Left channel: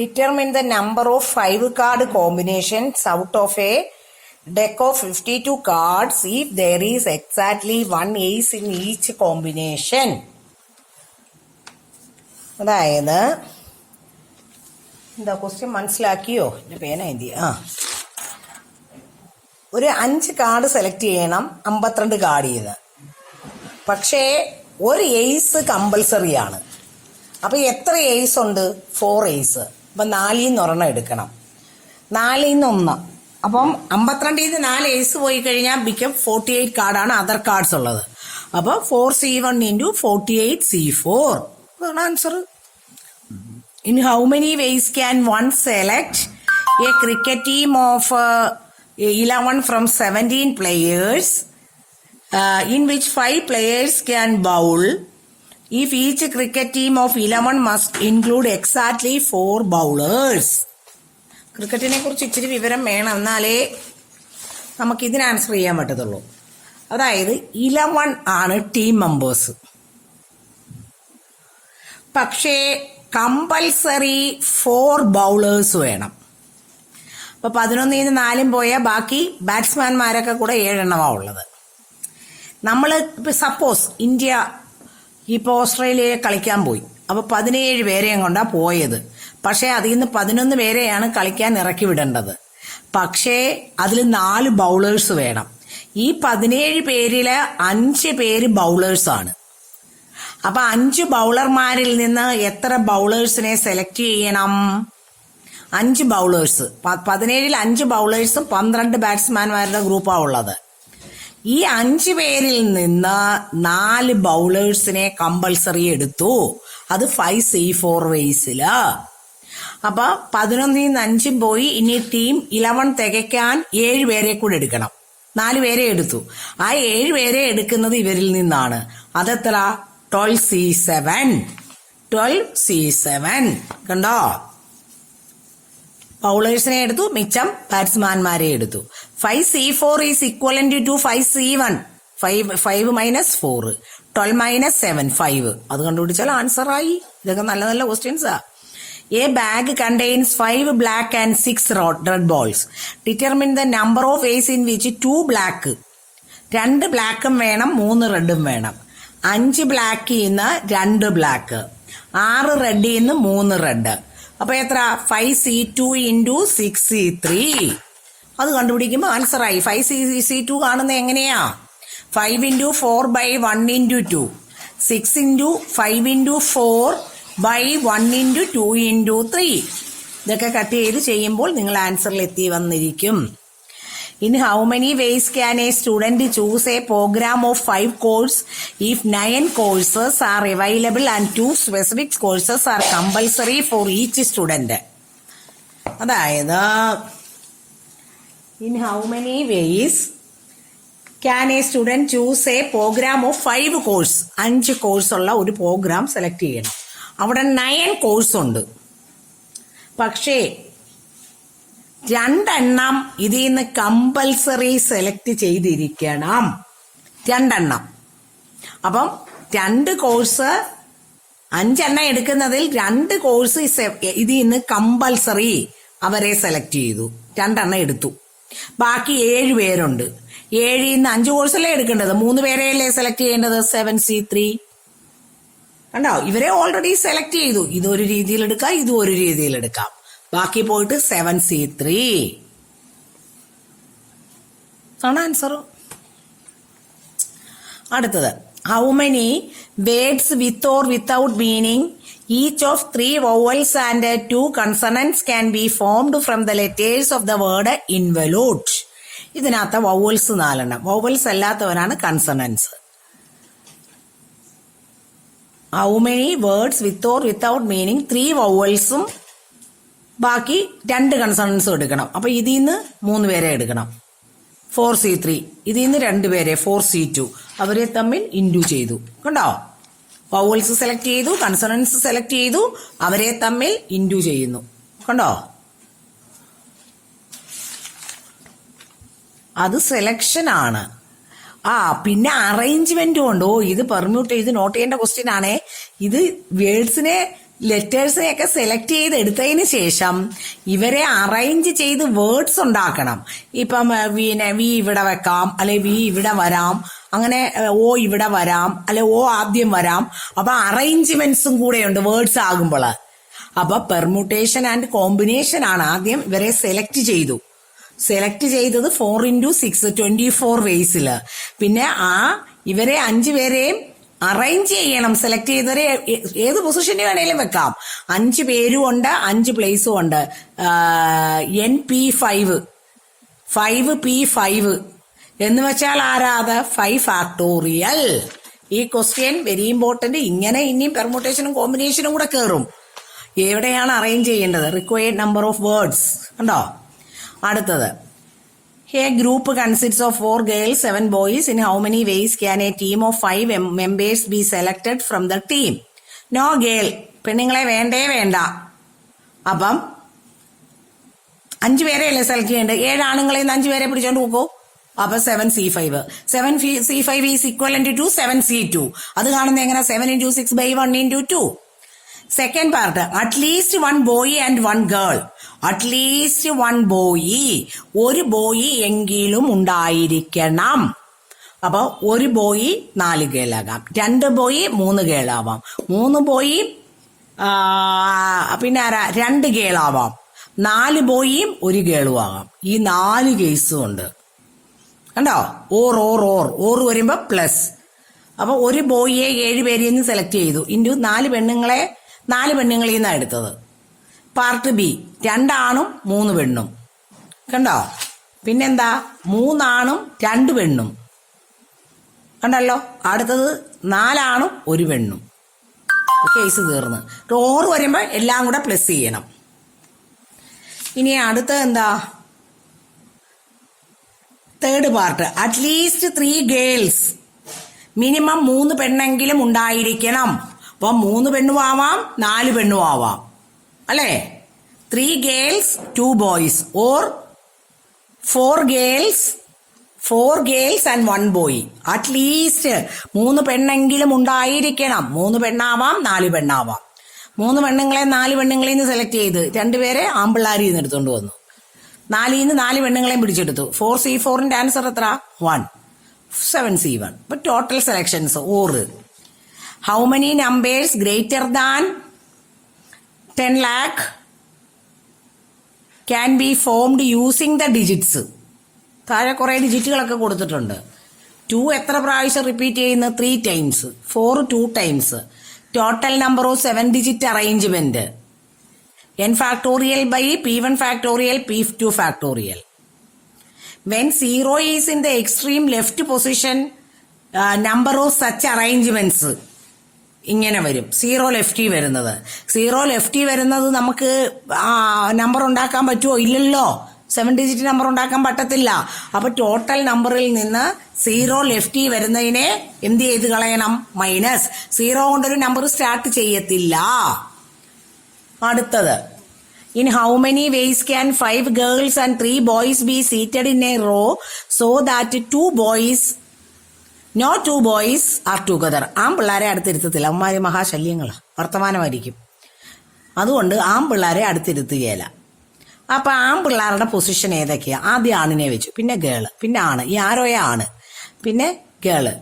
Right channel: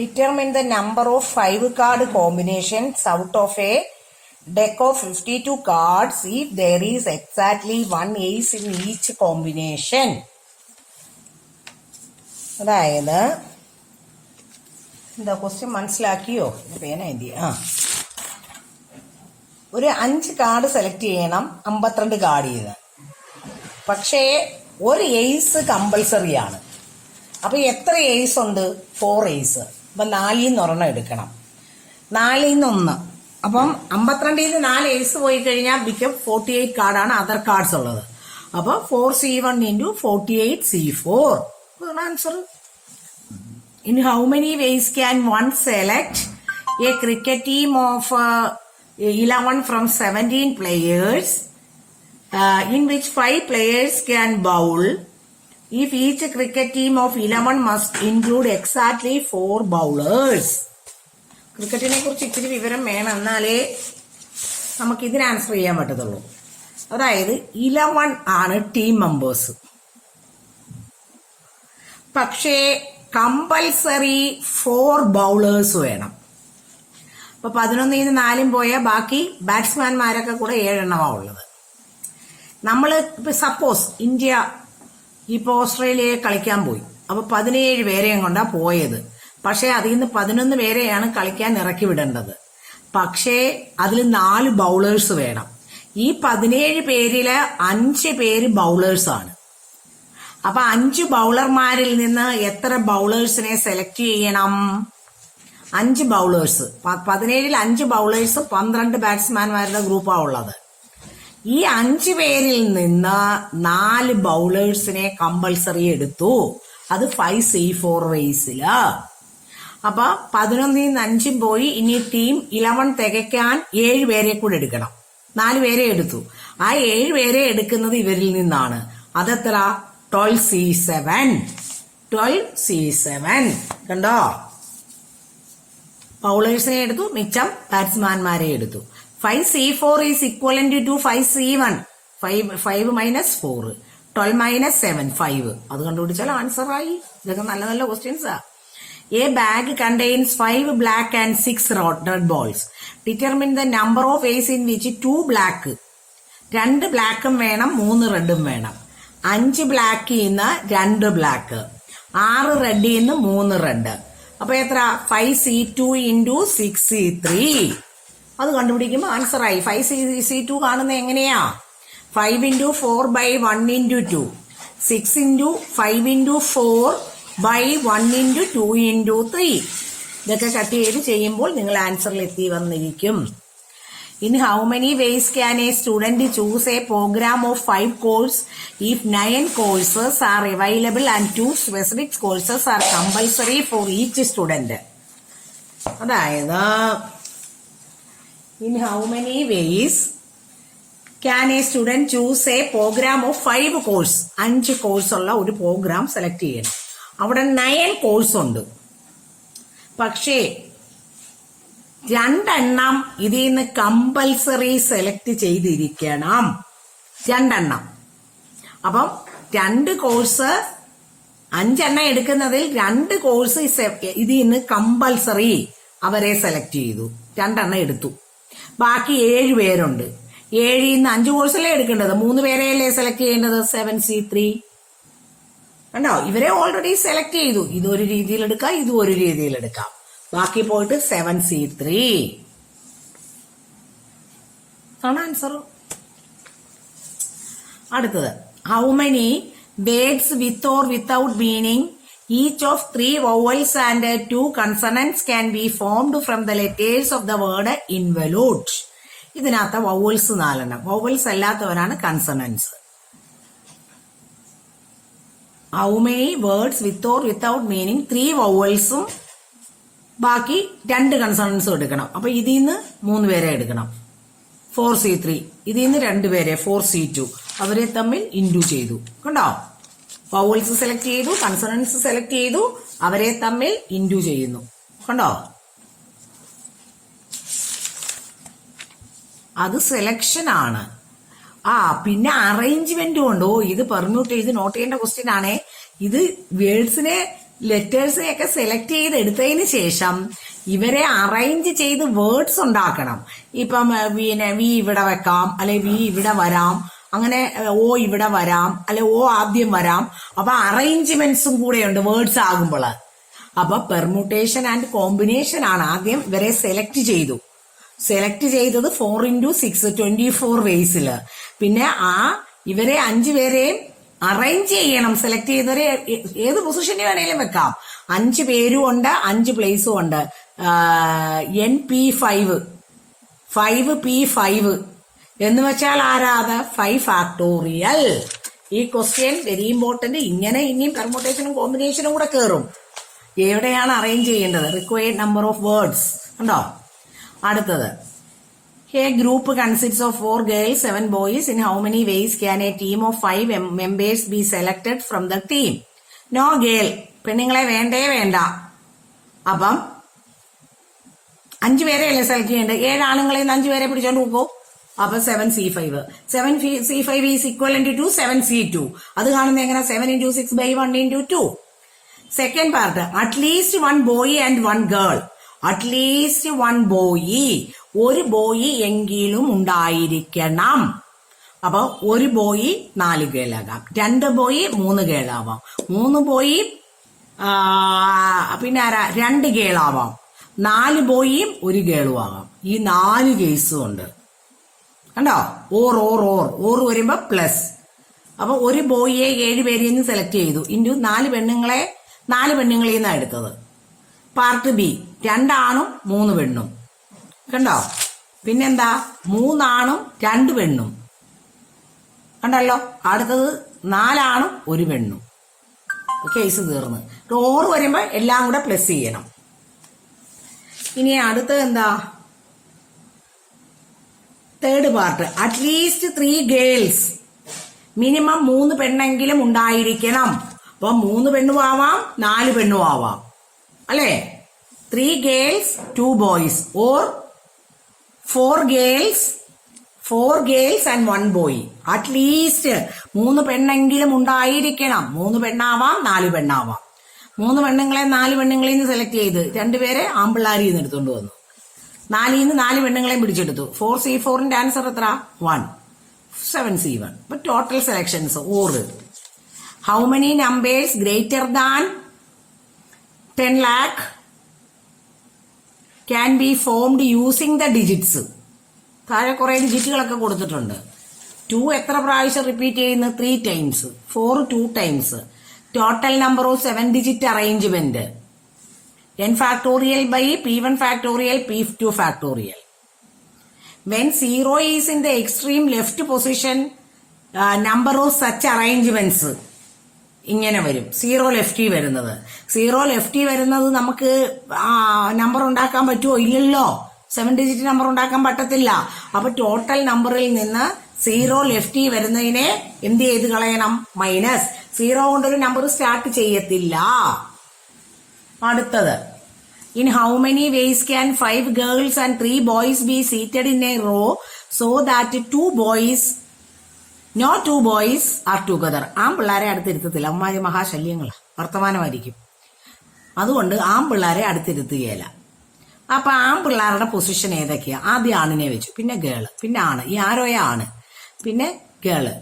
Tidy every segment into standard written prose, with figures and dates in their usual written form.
Determine the number of 5 card combinations out of a deck of 52 cards if there is exactly one ace in each combination. അതായത് എന്താ question മനസ്സിലാക്കിയോ? പേന എന്തിയാ? ഒരു 5 card select ചെയ്യണം, 52 card ചെയ്ത്. പക്ഷേ ഒരു ace compulsory ആണ്. അപ്പൊ എത്ര എയ്സ് ഉണ്ട്? 4 എയ്സ്. അപ്പൊ 4 ഒരെണ്ണം എടുക്കണം. 4 1. അപ്പം 52 4 എയ്സ് പോയി കഴിഞ്ഞാൽ ബിക്കം 48 കാർഡാണ് അതർ കാർഡ്സ് ഉള്ളത്. അപ്പൊ 4C1 into 48C4 അതാണ് answer. In how many ways can one select a cricket team of 11 from 17 players in which 5 players can bowl if each cricket team of 11 must include exactly 4 bowlers? ക്രിക്കറ്റിനെ കുറിച്ച് ഇച്ചിരി വിവരം വേണം, എന്നാലേ നമുക്ക് ഇതിന് answer ചെയ്യാൻ പറ്റത്തുള്ളൂ. അതായത് 11 ആണ് ടീം മെമ്പേഴ്സ്. പക്ഷേ കമ്പൽസറി 4 ബൗളേഴ്സ് വേണം. അപ്പൊ 11 4 പോയാൽ ബാക്കി ബാറ്റ്സ്മാൻമാരൊക്കെ കൂടെ 7 എണ്ണമാ ഉള്ളത്. നമ്മള് ഇപ്പൊ സപ്പോസ് ഇന്ത്യ ഇപ്പൊ ഓസ്ട്രേലിയയെ കളിക്കാൻ പോയി. അപ്പൊ 17 പേരെയും കൊണ്ടാ പോയത്. പക്ഷെ അതിൽ നിന്ന് 11 പേരെയാണ് കളിക്കാൻ ഇറക്കി വിടേണ്ടത്. പക്ഷേ അതിൽ 4 ബൗളേഴ്സ് വേണം. ഈ 17 പേരില് 5 പേര് ബൗളേഴ്സ് ആണ്. അപ്പൊ 5 ബൗളർമാരിൽ നിന്ന് എത്ര ബൗളേഴ്സിനെ സെലക്ട് ചെയ്യണം? 5 ബൗളേഴ്സ്. 17 5 ബൗളേഴ്സും 12 ബാറ്റ്സ്മാൻമാരുടെ ഗ്രൂപ്പാണ് ഉള്ളത്. ഈ 5 പേരിൽ നിന്ന് 4 ബൗളേഴ്സിനെ കമ്പൽസറി എടുത്തു. അത് 5C4 റേസില്. അപ്പൊ 11 5 പോയി. ഇനി ടീം 11 തികയ്ക്കാൻ 7 പേരെ കൂടെ എടുക്കണം. 4 പേരെ എടുത്തു. ആ 7 പേരെ എടുക്കുന്നത് ഇവരിൽ നിന്നാണ്. അതെത്ര? 12C7. 12C7 കണ്ടോ? ബൗളേഴ്സിനെ എടുത്തു, മിച്ചം ബാറ്റ്സ്മാൻമാരെ എടുത്തു. 5C4 is equivalent to 5C1. 5 minus 4. 12 minus 7 5. അത് കണ്ടുപിടിച്ചാൽ ആൻസർ ആയി. ഇതൊക്കെ നല്ല നല്ല ക്വസ്റ്റ്യൻസാ. A bag contains 5 black and 6 red balls. Determine the number of ways in which 2 black. 2 ബ്ലാക്കും വേണം, 3 റെഡും വേണം. 5 ബ്ലാക്കിൽ നിന്ന് 2 ബ്ലാക്ക്, 6 റെഡിൽ നിന്ന് 3 റെഡ്. അപ്പൊ എത്ര? 5C2 into 6C3. അത് കണ്ടുപിടിക്കുമ്പോ ആൻസർ ആയി. 5C2 കാണുന്നത് എങ്ങനെയാ? 5 into 4 by 1 into 2. 6 into 5 into 4 by 1 into 2 into 3. ഇതൊക്കെ കട്ട് ചെയ്ത് ചെയ്യുമ്പോൾ നിങ്ങൾ ആൻസറിൽ എത്തി വന്നിരിക്കും. In how many ways can a student choose a program of 5 courses if 9 courses are available and 2 specific courses are compulsory for each student? അതായത് in how many ways can a student choose a program of 5 courses? 5 course ഉള്ള ഒരു programme select ചെയ്യണം. അവിടെ 9 course ഉണ്ട്. പക്ഷേ 2 എണ്ണം ഇതിൽ നിന്ന് കമ്പൽസറി സെലക്ട് ചെയ്തിരിക്കണം. 2 എണ്ണം. അപ്പം 2 കോഴ്സ് 5 എണ്ണം എടുക്കുന്നതിൽ 2 കോഴ്സ് ഇതിൽ നിന്ന് കമ്പൽസറി അവരെ സെലക്ട് ചെയ്തു. 2 എണ്ണം എടുത്തു. ബാക്കി 7 പേരുണ്ട്. 7 നിന്ന് 5 കോഴ്സല്ലേ എടുക്കേണ്ടത്, 3 പേരെയല്ലേ സെലക്ട് ചെയ്യേണ്ടത്? 7C3 കണ്ടോ? ഇവരെ ഓൾറെഡി സെലക്ട് ചെയ്തു. ഇതൊരു രീതിയിൽ എടുക്കാം, ഇതും ഒരു രീതിയിൽ എടുക്കാം. ബാക്കി പോയിട്ട് 7C3 ആണ് ആൻസർ. അടുത്തത്, how many words with or without meaning each of 3 vowels and 2 consonants can be formed from the letters of the word involute? ഇതിനകത്ത് വൗവൽസ് 4 എണ്ണം. വൗവൽസ് അല്ലാത്തവരാണ് consonants. How many words with or without meaning 3 വൗവൽസും ബാക്കി 2 കൺസണൻസും എടുക്കണം. അപ്പൊ ഇതിൽ നിന്ന് 3 പേരെ എടുക്കണം. 4C3. ഇതിൽ നിന്ന് 2 പേരെ 4C2. അവരെ തമ്മിൽ ഇൻഡു ചെയ്തു. കണ്ടോ? വൗവൽസ് സെലക്ട് ചെയ്തു, കൺസണൻസ് സെലക്ട് ചെയ്തു, അവരെ തമ്മിൽ ഇൻഡു ചെയ്യുന്നു. കണ്ടോ? അത് സെലക്ഷൻ ആണ്. പിന്നെ അറേഞ്ച്മെന്റും ഉണ്ട്. ഇത് പെർമ്യൂട്ട് ചെയ്ത് നോട്ട് ചെയ്യേണ്ട ക്വസ്റ്റ്യൻ ആണേ. ഇത് വേർഡ്സിനെ ലെറ്റേഴ്സിനെയൊക്കെ സെലക്ട് ചെയ്ത് എടുത്തതിന് ശേഷം ഇവരെ അറേഞ്ച് ചെയ്ത് വേർഡ്സ് ഉണ്ടാക്കണം. ഇപ്പം വി ഇവിടെ വെക്കാം, അല്ലെ വി ഇവിടെ വരാം, അങ്ങനെ ഓ ഇവിടെ വരാം, അല്ലെ ഓ ആദ്യം വരാം. അപ്പൊ അറേഞ്ച്മെന്റ്സും കൂടെ ഉണ്ട് വേർഡ്സ് ആകുമ്പോൾ. അപ്പൊ പെർമ്യൂട്ടേഷൻ ആൻഡ് കോമ്പിനേഷൻ ആണ്. ആദ്യം ഇവരെ സെലക്ട് ചെയ്തത് 4x6 24 വേസില്. പിന്നെ ഇവരെ 5 പേരെയും അറേഞ്ച് ചെയ്യണം. സെലക്ട് ചെയ്തവരെ ഏത് പൊസിഷനിൽ വേണേലും വെക്കാം. 5 പേരും ഉണ്ട്, 5 പ്ലേസും ഉണ്ട്. NP5 5P5 എന്ന് വെച്ചാൽ ആരാത്? 5 ഫാക്ടോറിയൽ. ഈ ക്വസ്റ്റ്യൻ വെരി ഇമ്പോർട്ടന്റ്. ഇങ്ങനെ ഇനിയും പെർമ്യൂട്ടേഷനും കോമ്പിനേഷനും കൂടെ കയറും. എവിടെയാണ് അറേഞ്ച് ചെയ്യേണ്ടത്? റിക്വയർഡ് നമ്പർ ഓഫ് വേർഡ്സ് ഉണ്ടോ? അടുത്തത്, A group consists of 4 girls, 7 boys. In how many ways can a team of 5 members be selected from the team? No girl. പെണ്ണുങ്ങളെ വേണ്ട. അപ്പം 5 പേരെയല്ലേ സെലക്ട് ചെയ്യേണ്ടത്. 7 ആണുങ്ങളെ 5 പേരെ പിടിച്ചോണ്ട് പോക്കോ. അപ്പൊ 7C5. 7C5 is equivalent to 7C2. അത് കാണുന്നത് എങ്ങനെ? 7 into 6 by 1 into 2. Second part, at least 1 boy and 1 girl. At least 1 boy, ഒരു ബോയ് എങ്കിലും ഉണ്ടായിരിക്കണം. അപ്പൊ 1 ബോയ് 4 ഗേളാകാം, 2 ബോയ് 3 ഗേളാവാം, 3 ബോയ് പിന്നെ 2 ഗേളാവാം, 4 ബോയും 1 ഗേളും ആകാം. ഈ 4 കേസും ഉണ്ട് കണ്ടോ. ഓർ വരുമ്പോ പ്ലസ്. അപ്പൊ 1 ബോയിയെ 7 പേരിൽ നിന്ന് സെലക്ട് ചെയ്തു ഇൻറ്റു 4 പെണ്ണുങ്ങളെ 4 പെണ്ണുങ്ങളിൽ നിന്നാണ് എടുത്തത്. പാർട്ട് ബി 2 ആണും 3 പെണ്ണും കണ്ടോ. പിന്നെന്താ 3 ആണും 2 പെണ്ണും കണ്ടല്ലോ. അടുത്തത് 4 ആണും 1 പെണ്ണും. കേസ് തീർന്ന്. ഓർ വരുമ്പോ എല്ലാം കൂടെ പ്ലസ് ചെയ്യണം. ഇനി അടുത്തത് എന്താ? Third part, at least 3 girls. Minimum 3 പെണ്ണെങ്കിലും ഉണ്ടായിരിക്കണം. അപ്പൊ 3 പെണ്ണും ആവാം, 4 പെണ്ണും ആവാം അല്ലേ. 3 girls 2 boys or 4 girls and 1 boy. At least 3 പെണ്ണെങ്കിലും ഉണ്ടായിരിക്കണം. 3 പെണ്ണാവാം, 4 പെണ്ണാവാം. 3 പെണ്ണുങ്ങളെ 4 പെണ്ണുങ്ങളിൽ നിന്ന് സെലക്ട് ചെയ്ത് 2 പേരെ ആമ്പിള്ളാരിൽ നിന്ന് എടുത്തോണ്ട് വന്നു. 4 നിന്ന് 4 പെണ്ണുങ്ങളെയും പിടിച്ചെടുത്തു. 4C4ന്റെ ആൻസർ എത്ര? 1. 7C1. അപ്പൊ total selections or. How many numbers greater than 10 lakh can be formed using the digits. താഴെ കുറെ ഡിജിറ്റുകളൊക്കെ കൊടുത്തിട്ടുണ്ട്. 2 എത്ര പ്രാവശ്യം റിപ്പീറ്റ് ചെയ്യുന്നു? 3 times. 4 2 times. Total number of 7 digit arrangement. n factorial by p1 factorial p2 factorial. When 0 is in the extreme left position, number of such arrangements ഇങ്ങനെ വരും. 0 lefty വരുന്നത്. 0 lefty വരുന്നത് നമുക്ക് നമ്പർ ഉണ്ടാക്കാൻ പറ്റുമോ? ഇല്ലല്ലോ. 7 ഡിജിറ്റ് നമ്പർ ഉണ്ടാക്കാൻ പറ്റത്തില്ല. അപ്പൊ ടോട്ടൽ നമ്പറിൽ നിന്ന് 0 ലെഫ്റ്റി വരുന്നതിനെ എന്ത് ചെയ്ത് കളയണം? മൈനസ്. 0 കൊണ്ടൊരു നമ്പർ സ്റ്റാർട്ട് ചെയ്യത്തില്ല. അടുത്തത്, in how many ways can 5 girls and 3 boys be seated in a row so that 2 boys no 2 boys are together. പിള്ളേരെ അടുത്തിരുത്തത്തില്ല. അവന്മാര് മഹാശല്യങ്ങളാ, വർത്തമാനമായിരിക്കും. അതുകൊണ്ട് പിള്ളേരെ അടുത്തിരുത്തുകയില്ല. അപ്പൊ പിള്ളേരുടെ പൊസിഷൻ ഏതൊക്കെയാ? ആദ്യം ആണിനെ വെച്ചു, പിന്നെ ഗേള്, പിന്നെ ആണ്. ഈ ആരോയ ആണ്, പിന്നെ ഗേള്,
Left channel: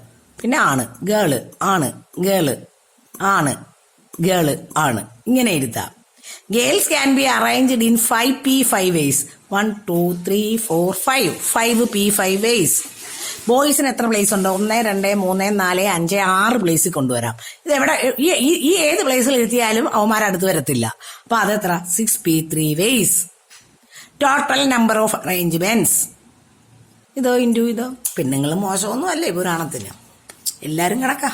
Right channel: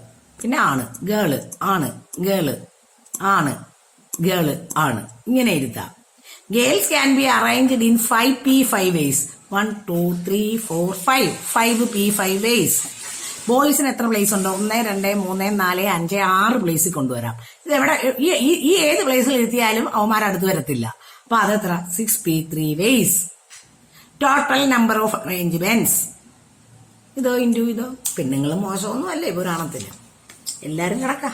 പിന്നെ ആണ്, ഗേള്, ആണ്, ഗേള്, ആണ്, ഗേള്, ആണ്. ഇങ്ങനെ ഇരുത്താം. Girls can be arranged in 5P5 ways. 1 2 3 4 5 5P5 ways. ബോയ്സിന് എത്ര പ്ലേസ് ഉണ്ടോ? 1 2 3 4 5 6 പ്ലേസിൽ കൊണ്ടുവരാം. ഇത് എവിടെ ഈ ഏത് പ്ലേസിൽ ഇരുത്തിയാലും അവന്മാരടുത്ത് വരത്തില്ല. അപ്പൊ അതെത്ര? 6P3 ways. Total number of arrangements. ഇതോ ഇൻറ്റു ഇതോ. പെണ്ണുങ്ങളും മോശമൊന്നും അല്ലേ പുരാണത്തിന്, എല്ലാരും കണക്കാ.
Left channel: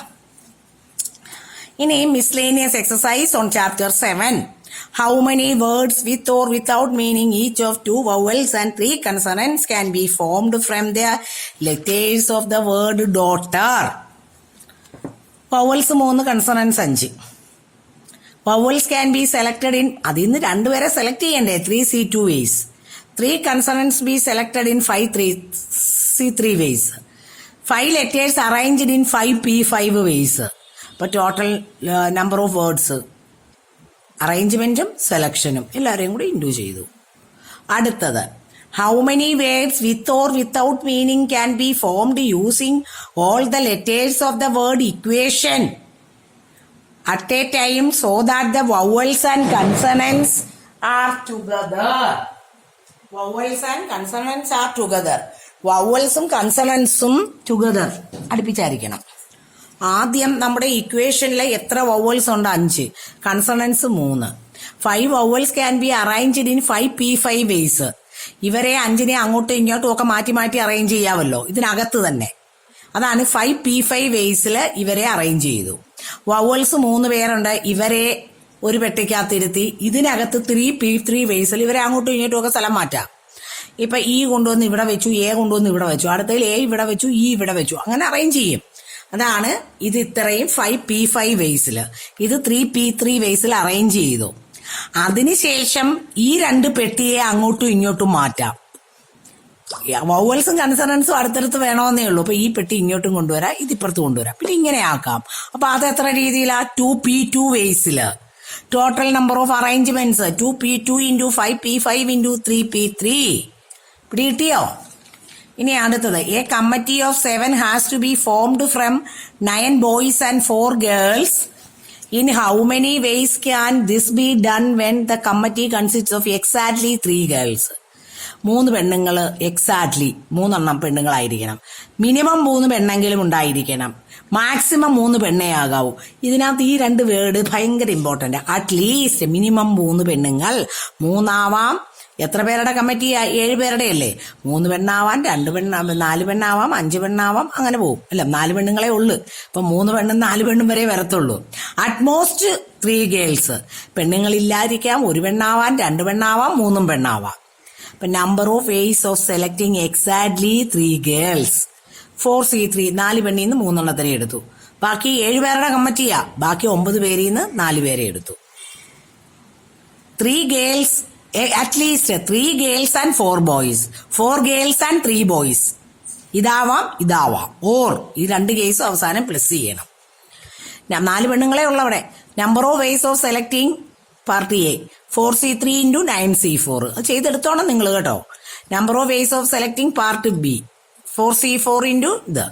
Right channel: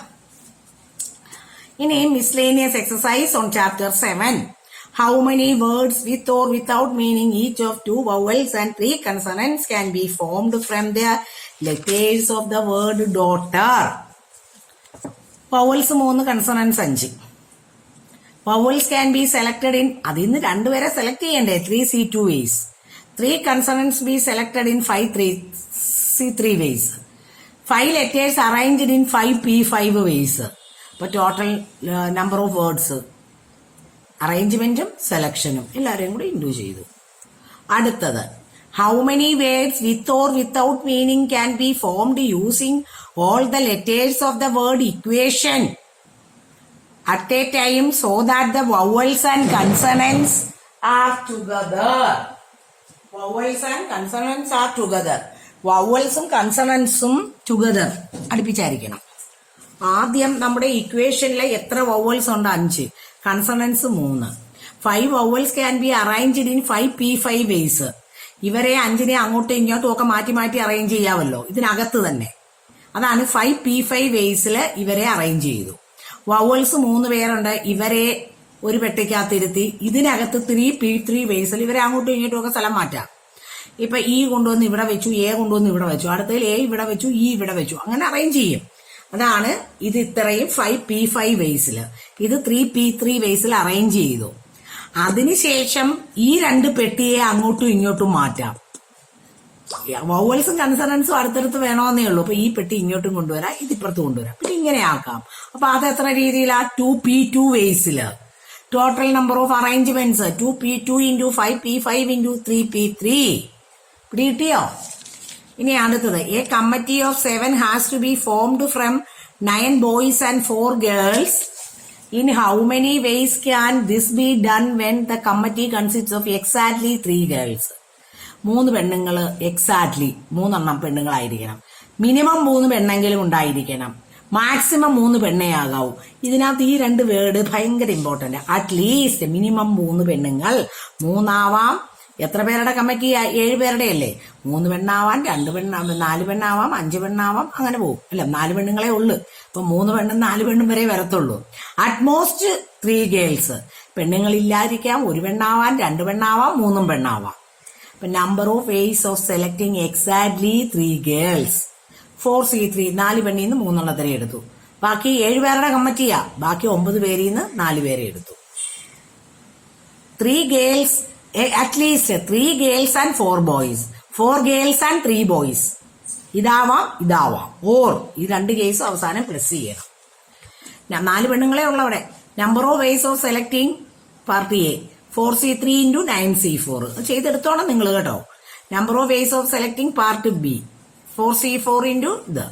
ഇനി miscellaneous exercise on chapter 7. How many words with or without meaning each of 2 vowels and 3 consonants can be formed from the letters of the word daughter? Vowels 3, consonants 5. Vowels can be selected in, അതിൽ നിന്ന് 2 പേരെ select ചെയ്യണ്ടേ? 3C2 ways. 3 consonants be selected in 5C3 ways. 5 letters arranged in 5P5 ways. അപ്പൊ total number of words അറേഞ്ച്മെന്റും സെലക്ഷനും എല്ലാവരെയും കൂടി into ചെയ്തു. അടുത്തത്, how many words with or without meaning can be formed using all the letters of the word equation at a time so that the vowels and consonants are together. Vowels and consonants are together. വവൽസും കൺസണൻസും together അടുപ്പിച്ചായിരിക്കണം. ആദ്യം നമ്മുടെ ഇക്വേഷനിലെ എത്ര vowels ഉണ്ട്? 5. Consonants 3. 5 vowels can be arranged in 5 P5 ways. ഇവരെ 5നെ അങ്ങോട്ടും ഇങ്ങോട്ടും ഒക്കെ മാറ്റി മാറ്റി അറേഞ്ച് ചെയ്യാമല്ലോ ഇതിനകത്ത് തന്നെ. അതാണ് 5 P5 വേസിൽ ഇവരെ അറേഞ്ച് ചെയ്തു. വവൽസ് 3 പേരുണ്ട്, ഇവരെ ഒരു പെട്ടിക്കകത്തിരുത്തി ഇതിനകത്ത് 3 P3 വേസിൽ ഇവരെ അങ്ങോട്ടും ഇങ്ങോട്ടും ഒക്കെ സ്ഥലം മാറ്റാം. ഇപ്പൊ ഇ കൊണ്ടുവന്ന് ഇവിടെ വെച്ചു, എ കൊണ്ടുവന്ന് ഇവിടെ വെച്ചു, അടുത്തതിൽ എ ഇവിടെ വെച്ചു, ഇ ഇവിടെ വെച്ചു, അങ്ങനെ അറേഞ്ച് ചെയ്യും. അതാണ് ഇത് ഇത്രയും 5 P5 വേസില്, ഇത് 3 P3 വേസിൽ അറേഞ്ച് ചെയ്തു. അതിനുശേഷം ഈ 2 പെട്ടിയെ അങ്ങോട്ടും ഇങ്ങോട്ടും മാറ്റാം. വവൽസും കൺസണൻസും അടുത്തടുത്ത് വേണമെന്നേ ഉള്ളൂ. അപ്പൊ ഈ പെട്ടി ഇങ്ങോട്ടും കൊണ്ടുവരാം, ഇതിപ്പുറത്ത് കൊണ്ടുവരാം, പിന്നെ ഇങ്ങനെ ആക്കാം. അപ്പൊ അത് എത്ര രീതിയിലാ? 2 P2 വേസില്. Total number of arrangements 2 P2 into 5 P5 into 3 P3. പിടികിട്ടിയോ? ഇനി അടുത്തത്, a committee of 7 has to be formed from 9 boys and 4 girls. In how many ways can this be done when the committee consist of exactly 3 girls? 3 പെണ്ണുങ്ങള് exactly 3 പെണ്ണുങ്ങളായിരിക്കണം. Minimum 3 പെണ്ണെങ്കിലും ഉണ്ടായിരിക്കണം. Maximum 3 പെണ്ണേ ആകാവൂ. ഇതിനകത്ത് ഈ 2 word ഭയങ്കര important. At least minimum 3 പെണ്ണുങ്ങൾ. 3 ആവാം. എത്ര പേരുടെ കമ്മിറ്റി? 7 പേരുടെ അല്ലേ? 3 പെണ്ണാവാം, 2 പെണ്ണാവാം, 4 പെണ്ണാവാം, 5 പെണ്ണാവാം, അങ്ങനെ പോകും. അല്ല, 4 പെണ്ണുങ്ങളെ ഉള്ളു. ഇപ്പൊ 3 പെണ്ണും 4 പെണ്ണും വരെ വരത്തുള്ളൂ. At most 3 girls. പെണ്ണുങ്ങളില്ലാതിരിക്കാം. 1 പെണ്ണാവാം, 2 പെണ്ണാവാം, 3 പെണ്ണാവാം. ഇപ്പൊ number of ways of selecting exactly 3 girls. 4C3 4 പെണ്ണിൽ നിന്ന് 3 എണ്ണത്തിനെ എടുത്തു. ബാക്കി 7 പേരുടെ കമ്മിറ്റിയാ. ബാക്കി 9 പേരിൽ നിന്ന് 4 പേരെ എടുത്തു. 3 girls, at least 3 girls and 4 boys. 4 girls and 3 boys. ഇതാവാം, ഇതാവാം. ഓർ ഈ 2 കേസും അവസാനം പ്ലസ് ചെയ്യണം. 4 പെണ്ണുങ്ങളെ ഉള്ളവിടെ. Number of ways of selecting part A 4C3 into 9C4. ചെയ്തെടുത്തോണം നിങ്ങൾ കേട്ടോ. Number of ways of selecting part B 4C4 into the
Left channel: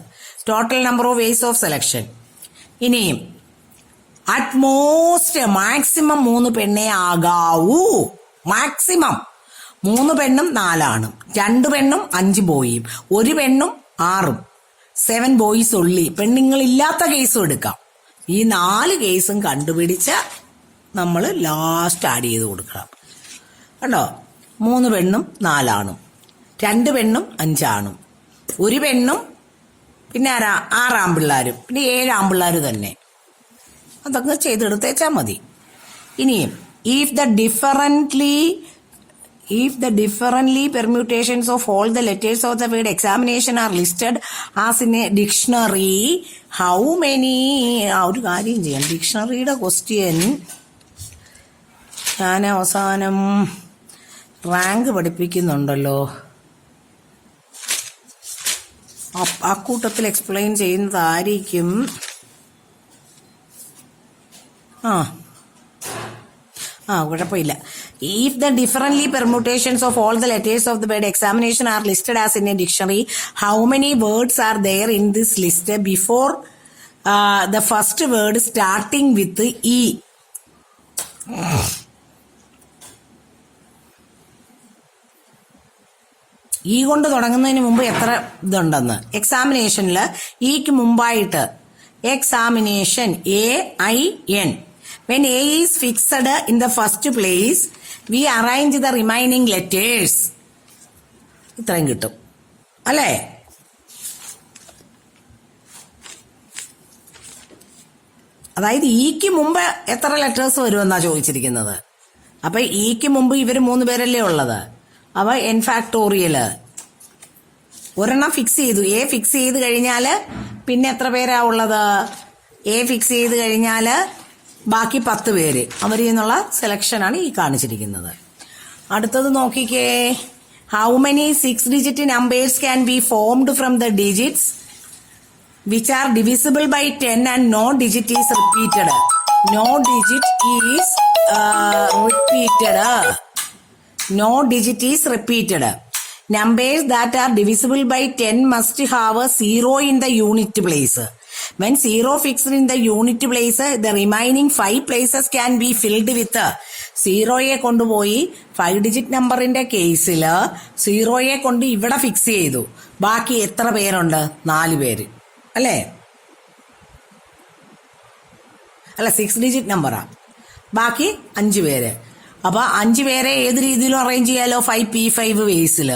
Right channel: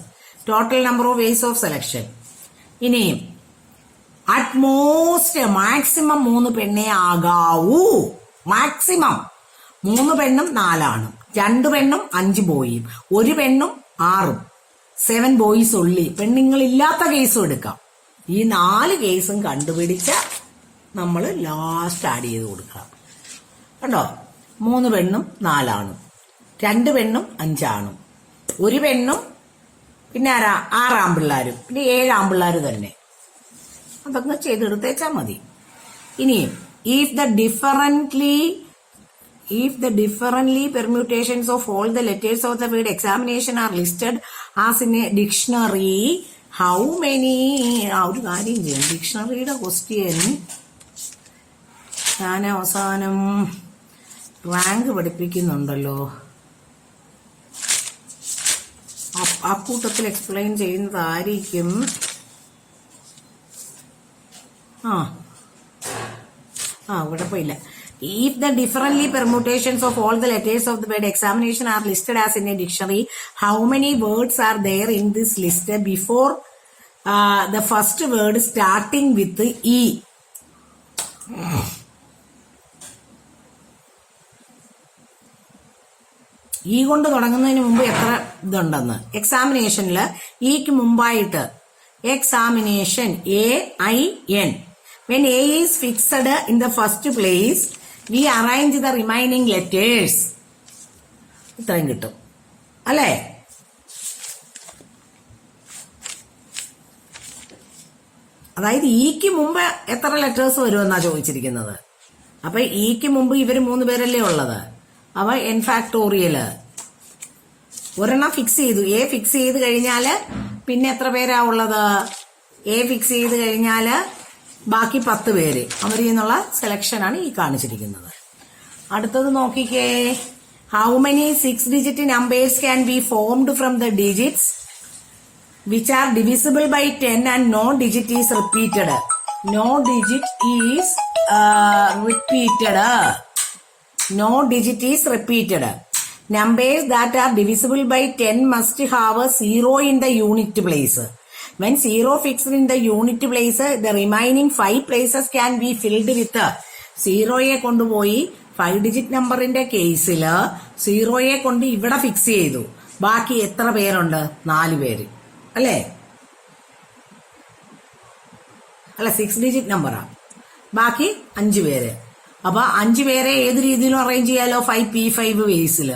total number of ways of selection. ഇനിയും അറ്റ്മോസ്റ്റ് മാക്സിമം 3 പെണ്ണേ ആകാവൂ. മാക്സിമം 3 പെണ്ണും 4 ആണും, 2 പെണ്ണും 5 ബോയും, 1 പെണ്ണും 6ഉം, 7 ബോയ്സ് ഉള്ളി. പെണ്ണുങ്ങളില്ലാത്ത കേസും എടുക്കാം. ഈ 4 കേസും കണ്ടുപിടിച്ച് നമ്മൾ ലാസ്റ്റ് ആഡ് ചെയ്ത് കൊടുക്കണം. കണ്ടോ? 3 പെണ്ണും 4 ആണും, 2 പെണ്ണും 5 ആണും, 1 പെണ്ണും, പിന്നെ 6 ആൺപിള്ളാരും, പിന്നെ 7 ആൺപിള്ളാരും തന്നെ. അതൊക്കെ ചെയ്തെടുത്തേച്ചാൽ മതി. ഇനിയും if the differently permutations of all the letters of the word examination are listed as in a dictionary, how many? ഒരു കാര്യം ചെയ്യാം. ഡിക്ഷണറിയുടെ ക്വസ്റ്റ്യൻ ഞാൻ അവസാനം റാങ്ക് പഠിപ്പിക്കുന്നുണ്ടല്ലോ, ആ കൂട്ടത്തിൽ എക്സ്പ്ലെയിൻ ചെയ്യുന്നതായിരിക്കും. കുഴപ്പമില്ല. If the differently permutations of all the letters of the word examination are listed as in a dictionary, how many words are there in this list before the first word starting with E? ഈ കൊണ്ട് തുടങ്ങുന്നതിന് മുമ്പ് എത്ര ഇതുണ്ടെന്ന് എക്സാമിനേഷനിൽ ഇക്ക് മുമ്പായിട്ട് examination AIN. When A is fixed in the first place, we arrange the remaining letters. ഇത്രയും കിട്ടും അല്ലേ? അതായത് ഇക്ക് മുമ്പ് എത്ര ലെറ്റേഴ്സ് വരുമെന്നാ ചോദിച്ചിരിക്കുന്നത്. അപ്പൊ ഇക്ക് മുമ്പ് ഇവര് 3 പേരല്ലേ ഉള്ളത്. അവ n ഫാക്ടോറിയല് ഒരെണ്ണം ഫിക്സ് ചെയ്തു. എ ഫിക്സ് ചെയ്ത് കഴിഞ്ഞാല് പിന്നെ എത്ര പേരാ ഉള്ളത്? എ ഫിക്സ് ചെയ്ത് കഴിഞ്ഞാല് ബാക്കി 10 പേര്. അവരിൽ നിന്നുള്ള സെലക്ഷനാണ് ഈ കാണിച്ചിരിക്കുന്നത്. അടുത്തത് നോക്കിക്കേ. How many 6-digit numbers can be formed from the digits which are divisible by 10 and no digit is repeated? No digit is repeated. No digit is repeated. Numbers that are divisible by 10 must have a 0 in the unit place. When 0 fixed in the unit place, the remaining 5 places can be filled with 0യെ കൊണ്ടുപോയി 5 digit നമ്പറിന്റെ കേസിൽ 0യെ കൊണ്ട് ഇവിടെ fix ചെയ്തു. ബാക്കി എത്ര പേരുണ്ട്? 4 പേര് അല്ലേ? അല്ല, 6 ഡിജിറ്റ് നമ്പറാ. ബാക്കി 5 പേര്. അപ്പൊ 5 പേരെ ഏത് രീതിയിലും അറേഞ്ച് ചെയ്യാലോ? 5p5 വേസിൽ.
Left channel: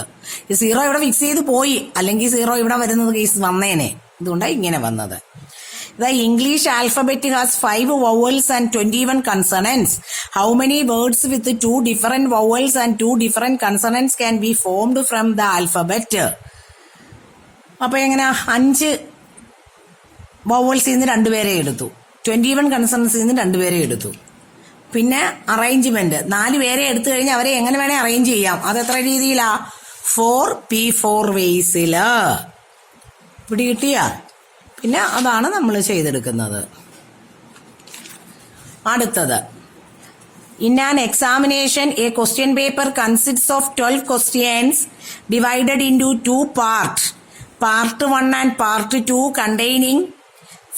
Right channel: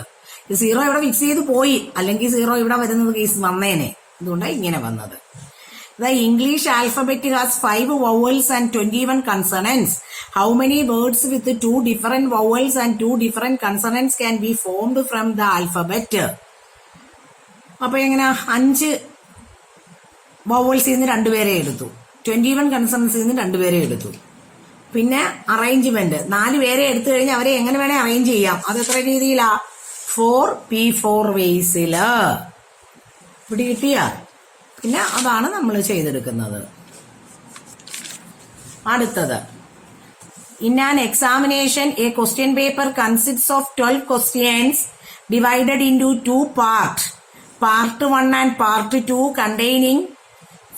0 ഇവിടെ ഫിക്സ് ചെയ്ത് പോയി, അല്ലെങ്കിൽ 0 ഇവിടെ വരുന്നത് കേസ് വന്നേനെ. ഇതുകൊണ്ടാണ് ഇങ്ങനെ വന്നത്. The English alphabet has 5 vowels and 21 consonants. How many words with 2 different vowels and 2 different consonants can be formed from the alphabet? അപ്പൊ എങ്ങനെ? 5 വവൽസിൽ നിന്ന് 2 പേരെ എടുത്തു, 21 കൺസണൻസിൽ നിന്ന് 2 പേരെ എടുത്തു. പിന്നെ അറേഞ്ച്മെന്റ് 4 പേരെ എടുത്തു കഴിഞ്ഞാൽ അവരെ എങ്ങനെ വേണേ അറേഞ്ച് ചെയ്യാം. അത് എത്ര രീതിയിലാ? 4p4 വേസില്. ഇവിടെ കിട്ടിയ പിന്നെ അതാണ് നമ്മൾ ചെയ്തെടുക്കുന്നത്. അടുത്തത്, in an examination a question paper consists of 12 questions divided into 2 parts, part 1 and part 2 containing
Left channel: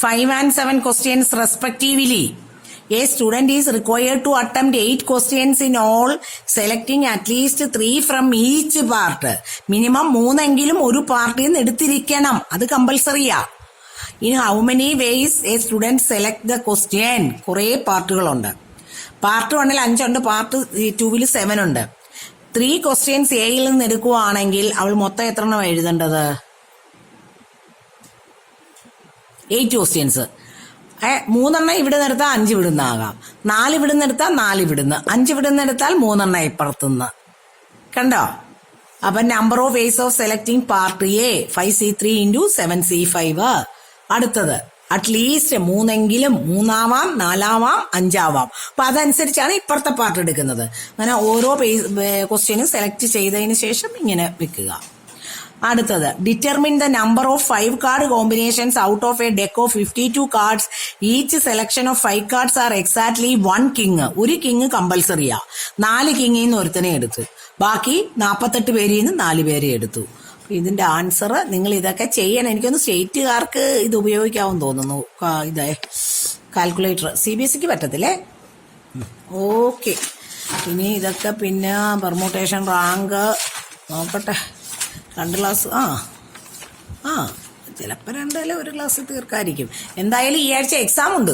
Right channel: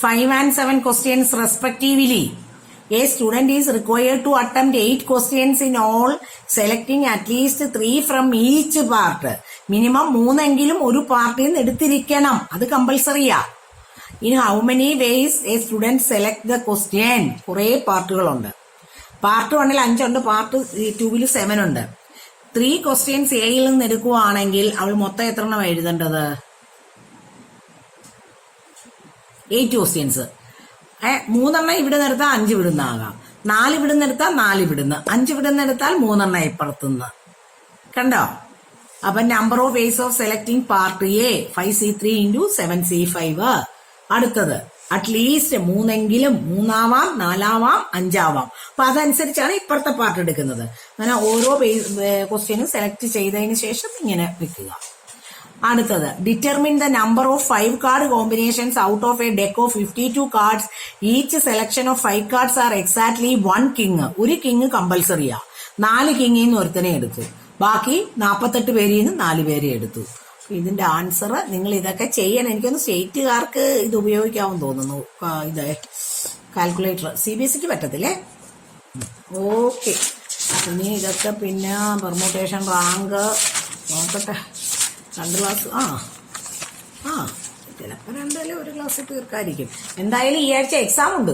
5 and 7 questions respectively. A student is required to attempt 8 questions in all, selecting at least 3 from each part. Minimum 3 എങ്കിലും ഒരു പാർട്ടിൽ നിന്ന് എടുത്തിരിക്കണം. അത് കമ്പൽസറിയാ. In how many ways a student select the question? കുറേ പാർട്ടുകളുണ്ട്. Part 1ൽ 5 ഉണ്ട്, part 2ൽ 7 ഉണ്ട്. 3 questions എയിൽ നിന്ന് എടുക്കുകയാണെങ്കിൽ അവൾ മൊത്തം എത്ര എണ്ണം എഴുതേണ്ടത്? 8 ക്വസ്റ്റ്യൻസ്. 3 എണ്ണം ഇവിടെ നിർത്താൽ 5 ഇവിടുന്ന് ആകാം, 4 ഇവിടുന്ന് എടുത്താൽ 4 ഇവിടുന്ന്, 5 ഇവിടുന്ന് എടുത്താൽ 3 എണ്ണം ഇപ്പുറത്തുനിന്ന്. കണ്ടോ? അപ്പൊ number of ways of selecting part A 5c3 into 7c5. അടുത്തത്, അറ്റ്ലീസ്റ്റ് 3 എങ്കിലും 3 ആവാം, 4 ആവാം, 5 ആവാം. അപ്പൊ അതനുസരിച്ചാണ് ഇപ്പുറത്തെ പാർട്ട് എടുക്കുന്നത്. അങ്ങനെ ഓരോ ക്വസ്റ്റ്യനും സെലക്ട് ചെയ്തതിന് ശേഷം ഇങ്ങനെ വെക്കുക. അടുത്തത്, determine the number of 5 card combinations out of A deck of 52 cards. Each selection of 5 cards R exactly 1 king. ഒരു കിങ് കമ്പൽസറിയാ. 4 കിങ്ങിൽ നിന്ന് ഒരുത്തനെ എടുത്തു, ബാക്കി 48 പേരിൽ നിന്ന് 4 പേരെ എടുത്തു. ഇതിന്റെ ആൻസർ നിങ്ങൾ ഇതൊക്കെ ചെയ്യാൻ, എനിക്കൊന്ന് സ്റ്റേറ്റുകാർക്ക് ഇത് ഉപയോഗിക്കാമെന്ന് തോന്നുന്നു. ഇതേ കാൽക്കുലേറ്റർ CBSEക്ക് പറ്റത്തില്ലേ? ഓക്കെ. ഇനി ഇതൊക്കെ പിന്നെ പെർമുട്ടേഷൻ, റാങ്ക് നോക്കട്ടെ. 2 ക്ലാസ് ചിലപ്പോൾ 2 ഒരു ക്ലാസ് തീർക്കായിരിക്കും. എന്തായാലും ഈ ആഴ്ച എക്സാം ഉണ്ട്.